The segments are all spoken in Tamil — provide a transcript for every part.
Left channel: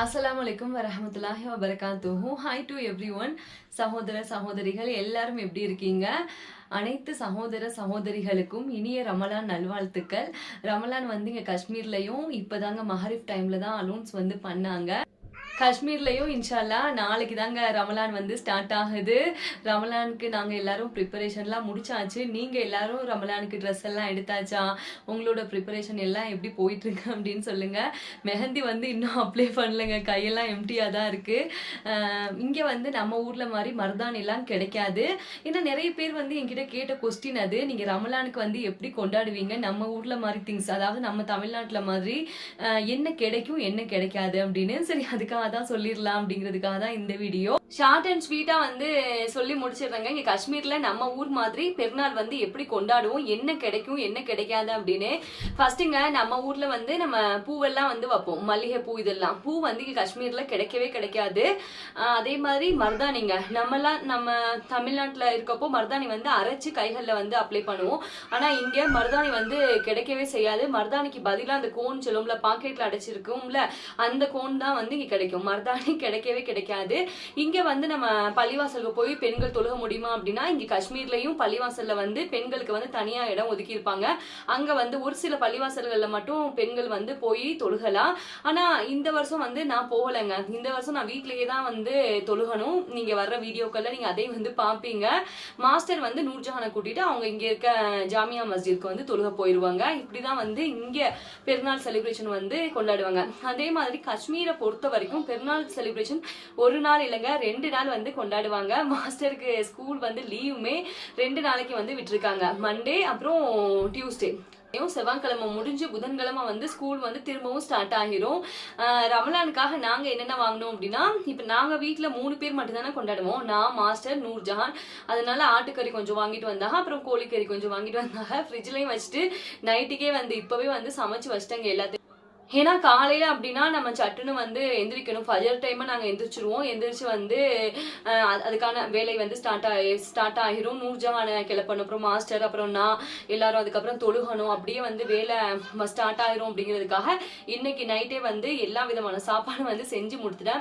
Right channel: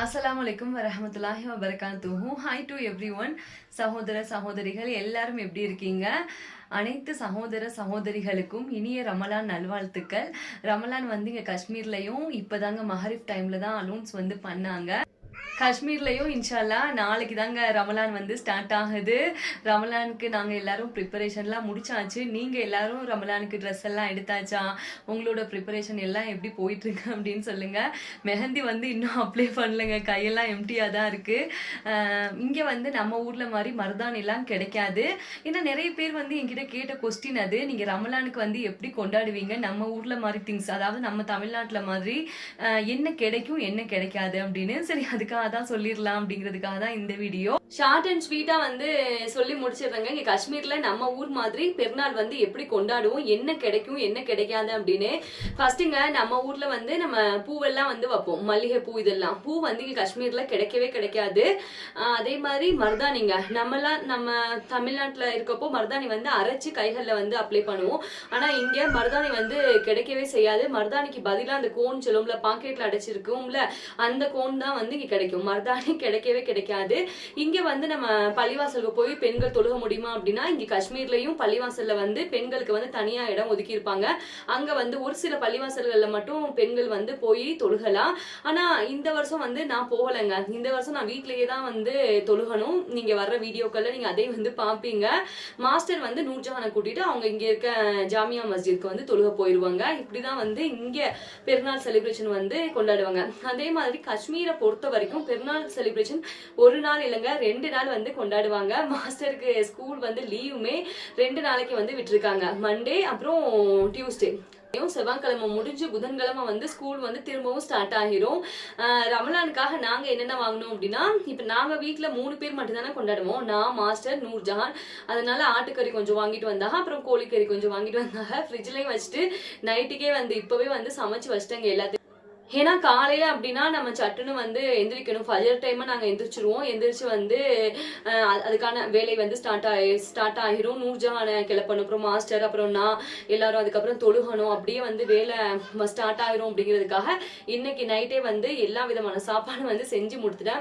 அஸ்ஸலாமு அலைக்கும் வரஹமத்துல்லாஹி வபரகாத்துஹு. Hi to every one. சகோதர சகோதரிகள் எல்லாரும் எப்படி இருக்கீங்க? அனைத்து சகோதர சகோதரிகளுக்கும் இனிய ரமலான் நல்வாழ்த்துக்கள். ரமலான் வந்து இங்கே காஷ்மீர்லையும் இப்போதாங்க மஹரிப் டைமில் தான் அலௌன்ஸ் வந்து பண்ணாங்க. காஷ்மீர்லையும் இன்ஷால்லா நாளைக்கு தாங்க ரமலான் வந்து ஸ்டார்ட் ஆகுது. ரமலானுக்கு நாங்கள் எல்லாரும் ப்ரிப்பரேஷன்லாம் முடிச்சாச்சு. நீங்கள் எல்லாரும் ரமலானுக்கு ட்ரெஸ் எல்லாம் எடுத்தாச்சா? உங்களோட ப்ரிப்பரேஷன் எல்லாம் எப்படி போயிட்டுருக்கு அப்படின்னு சொல்லுங்கள். மெஹந்தி வந்து இன்னும் அப்ளை பண்ணலைங்க, கையெல்லாம் எம்டியாக தான் இருக்குது. இங்கே வந்து நம்ம ஊரில் மாதிரி மருதாணிலாம் கிடைக்காது. ஏன்னா நிறைய பேர் வந்து என்கிட்ட கேட்ட கொஸ்டின் அது, நீங்கள் ரமலானுக்கு வந்து எப்படி கொண்டாடுவீங்க, நம்ம ஊரில் மாதிரி திங்ஸ், அதாவது நம்ம தமிழ்நாட்டில் மாதிரி என்ன கிடைக்கும் என்ன கிடைக்காது அப்படின்னு. சரி, அதுக்காக தான் சொல்லிடலாம் அப்படிங்கிறதுக்காக தான் இந்த வீடியோ. ஷார்ட் அண்ட் ஸ்வீட்டா வந்து சொல்லி முடிச்சிடுறேங்க. இங்க காஷ்மீர்ல நம்ம ஊர் மாதிரி பெருநாள் வந்து எப்படி கொண்டாடுவோம், என்ன கிடைக்கும் என்ன கிடைக்காது அப்படின்னு. ஃபர்ஸ்ட்டுங்க நம்ம ஊர்ல வந்து நம்ம பூவெல்லாம் வந்து வைப்போம், மல்லிகை பூ. இதெல்லாம் பூ வந்து இங்க காஷ்மீர்ல கிடைக்கவே கிடைக்காது. அதே மாதிரி மருதாணிங்க, நம்ம தமிழ்நாட்டுல இருக்கப்போ மருதாணி வந்து அரைச்சு கைகள்ல வந்து அப்ளை பண்ணுவோம். ஆனா இங்க மருதாணி வந்து கிடைக்கவே செய்யாது. மருதாணிக்கு பதிலாக அந்த கோன் சொல்லுவோம்ல, பாக்கெட்ல அடைச்சிருக்கும்ல, அந்த கோன் தான் வந்து இங்க கிடைக்கும். மருதாணி கிடைக்கவே கிடைக்காது. இங்க வந்து நம்ம பள்ளிவாசலுக்கு போய் பெண்கள் தொழுக முடியுமா அப்படின்னா, இங்க காஷ்மீர்லயும் பள்ளிவாசல்ல வந்து பெண்களுக்கு வந்து தனியா இடம் ஒதுக்கி இருப்பாங்க. அங்க வந்து ஒரு சில பள்ளிவாசல்கள்ல மட்டும் பெண்கள் வந்து போய் தொழுகலாம். ஆனா இந்த வருஷம் வந்து நான் போகலைங்க. இந்த வருஷம் நான் வீட்லயே தான் வந்து தொழுகணும். நீங்க வர்ற வீடியோக்கள்ல நீங்க அதே வந்து பாப்பீங்க. மாஸ்டர் வந்து நூர்ஜஹானை கூட்டிட்டு அவங்க இங்க இருக்க ஜாமியா மஸ்ஜித்க்கு வந்து தொழுக போயிருவாங்க. இப்படிதான் வந்து இங்க பெருநாள் செலிப்ரேஷன் வந்து கொண்டாடுவாங்க. அதே மாதிரி காஷ்மீரை பொறுத்த வரைக்கும் பெருநாள் செலிப்ரேஷன் ஒரு நாள் இல்லைங்க, 2 நாள் வந்து கொண்டாடுவாங்க. மாஸ்டருக்கு ஸ்கூல் வந்து லீவுமே 2 நாளைக்கு வந்து விட்டுருக்காங்க. மண்டே அப்புறம் டியூஸ்டே. செவ்வாய்க்கிழமை முடிஞ்சு புதன்கிழமை வந்து ஸ்கூல் வந்து திரும்பவும் ஸ்டார்ட் ஆகிரும். ரமலானுக்காக நாங்க என்னென்ன வாங்கணும் அப்படின்னா, இப்ப நாங்க வீட்டுல 3 பேர் மட்டும் தானே கொண்டாடுவோம், நான், மாஸ்டர், நூர்ஜஹான். அதனால ஆட்டுக்கறி கொஞ்சம் வாங்கிட்டு வந்தாங்க, அப்புறம் கோழிக்கறி கொஞ்சம் வாங்கிட்டு வந்தாங்க. ஃப்ரிட்ஜ்லயும் வச்சுட்டு நைட்டுக்கே வந்து இப்பவே வந்து சமைச்சு வச்சிட்டாங்க எல்லாத்தையும். ஏன்னா காலையில அப்படின்னா நம்ம சட்டுன்னு வந்து எந்திரிக்கணும். ஃபஜர் டைம் நாங்க எந்திரிச்சிருவோம். எந்திரிச்சு வந்து அதுக்கான வேலை வந்து ஸ்டார்ட் ஆகிரும். நூர்ஜஹானை கிளப்பணும், அப்புறம் மாஸ்டர், அப்புறம் நான் எல்லாரும் அதுக்கப்புறம் தொழுகணும். அப்படியே வந்து வேலை ஸ்டார்ட் ஆகிரும். அப்படிங்கிறதுக்காக இன்னைக்கு நைட்டே வந்து எல்லா விதமான சாப்பாடு வந்து செஞ்சு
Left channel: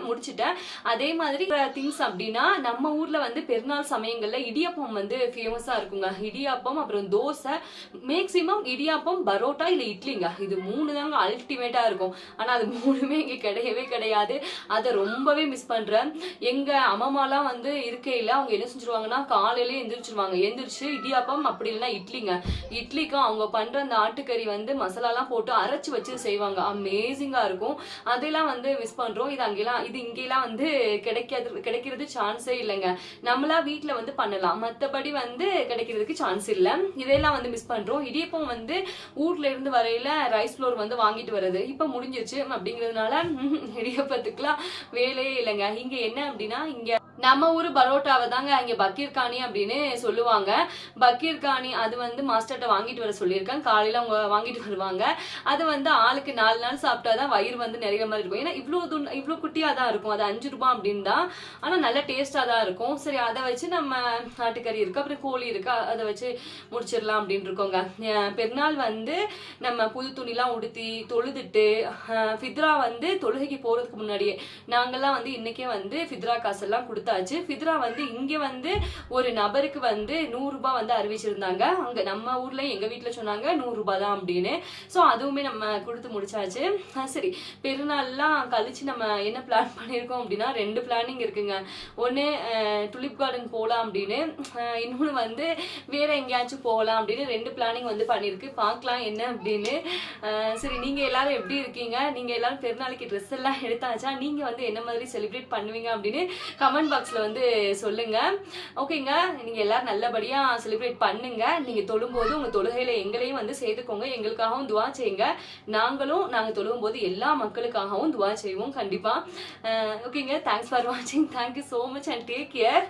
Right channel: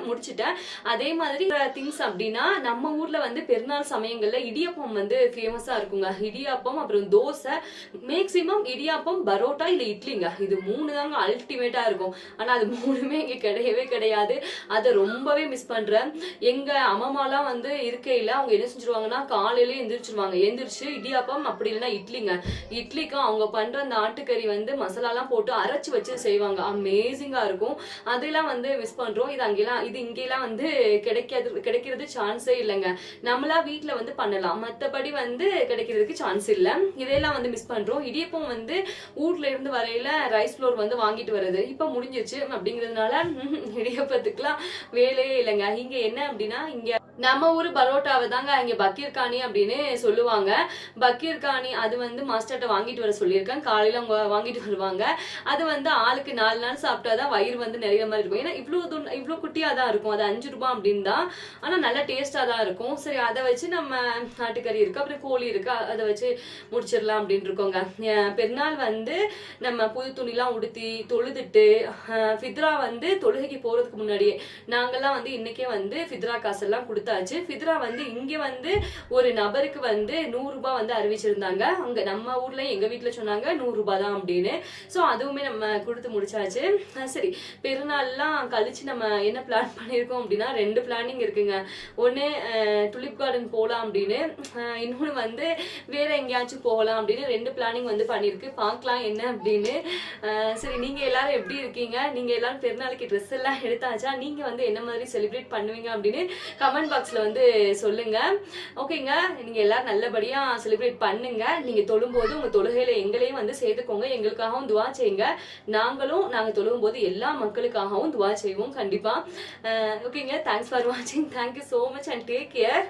முடிச்சுட்டேன். அதே மாதிரி திங்ஸ் அப்படின்னா, நம்ம ஊர்ல வந்து பெருநாள் சமயங்கள்ல இடியாப்பம் வந்து ஃபேமஸா இருக்குங்க. இடியாப்பம், அப்புறம் தோசை, மேக்சிமம் இடியாப்பம், பரோட்டா இல்ல இட்லிங்க. இது 3 தாங்க அல்டிமேட் இருக்கும். ஆனா அது 3மே இங்க கிடையவே கிடையாது. அதை ரொம்பவே மிஸ் பண்றேன். எங்க அம்மாலாம் வந்து இருக்கையில அவங்க என்ன செஞ்சிருவாங்கன்னா, காலையிலேயே எந்திரிச்சிருவாங்க. எந்திரிச்சு இடியாப்பம் அப்படி இல்லைன்னா இட்லிங்க. இட்லிக்கும் அவங்க பண்ற அந்த ஆட்டுக்கறி வந்து மசாலாலாம் போட்டு அரைச்சு வச்சு செய்வாங்க. அமேசிங்கா இருக்கும். அதெல்லாம் வந்து மிஸ் பண்றோம். இது இங்கெல்லாம் வந்து கிடைக்கிறது சான்ஸே இல்லைங்க. நம்மளா வீட்டுல வந்து பண்ணலாம், மற்றபடி வந்து கிடைக்கிறதுக்கு சான்ஸ் இல்லை. இதெல்லாம் வந்து மிஸ் பண்றோம். இடியப்பம் வந்து ஊர்ல இருந்து வரையில ரைஸ் ஃப்ளோர் வந்து வாங்கிட்டு வருது. இப்ப முடிஞ்சிருச்சு அப்படிங்கிறதுனால இடியப்பத்துக்குலாம் வேலையே இல்லைங்க. இங்க என்ன அப்படின்னா, இங்க நம்ம ஊரு பரோட்டாவை தாங்க இங்க பக்கீர்கானி அப்படின்னு சொல்லுவாங்க. பக்கீர்கானி அது வந்து மாஸ்டர்ட்ட வாங்கிட்டு வர சொல்லியிருக்கேன். காலையில அவங்க வாங்கிட்டு வருவாங்க. அது வந்து ஆளுக்கு 4 நாள் சாப்பிட்டாதான் வயிறு வந்து நிறைய மாதிரி இருக்கும். ஏன்னா இவ்வளவு குட்டியா தான் இருக்கும். அது 5 ரூபாய் அப்படின்னு தான். ஆனா நல்ல டேஸ்டா தான் இருக்கும். சரி, அதை வச்சு நம்ம ஆட்டுக்கறி இருக்கு, அப்புறம் கோழி இருக்கு, அதை வச்சு முடிச்சிடலாம் அப்படின்னு இருக்கோங்க. பெருநாள் வந்து நம்ம புது துணிலாம் உடுத்தி தொழுதுட்டு ஃபித்ரா வந்து தொழுகைக்கு போறதுக்கு முன்னாடியே நாங்கெல்லாம் வந்து இன்னைக்கே வந்து ஃபித்ரா காசெல்லாம் கொடுத்தாச்சு. ஃபித்ரா வந்து இங்க வந்து ஒரு நபருக்கு வந்து 100 ரூபாய் வந்து அறிவிச்சிருந்தாங்க. அங்க நம்ம ஊர்ல எங்க வீட்டுல சொன்னாங்க 100 ரூபாய் தான் அப்படின்னு. சோ அதுவுமே நம்ம கொடுத்து முடிச்சாச்சு. சரி, பெருநாள்லாம் கழிச்சு நம்ம என்ன பிளான் பண்ணிருக்கோம் அப்படின்னா, 2 பிளானிங் இருக்குங்க. ஒண்ணு டுலிப் கார்டன் போகலாம் அப்படின்னு, இன்னொன்னு வந்து வேற எங்கேயாச்சும் போகலாம் அப்படின்னு 2 பிளானிங் வந்து பண்ணிருக்கு. பார்க்கலாம் என்ன அப்படின்னு. சரி, நீங்க எல்லாரும் எப்படி இருக்கீங்க? நீங்க எல்லாரும் பெருநாளைக்கு ட்ரெஸ் எல்லாம் எடுத்தாச்சா? நீங்க வந்து என்ன மாதிரி செலிப்ரேட் பண்ணுவீங்க அப்படின்னு கமெண்ட் பாக்ஸ்ல வந்து சொல்லுங்க. ஓகேங்க, நீங்க எல்லாரும் நல்லபடியா செலிப்ரேட் பண்ணுங்க. நீங்க தொழும்போது உங்க தொழுகையில எங்களையும் வந்து சேர்த்துக்கோங்க. எங்களுக்காகவும் துவா செய்யுங்க. நாங்க தொழுகும் போது எல்லா மக்களுக்காகவும் துவா செய்வோம் கண்டிப்பா. ஓகேங்க, தேங்க்ஸ் ஃபார் வாட்சிங். Thank you so much and take care.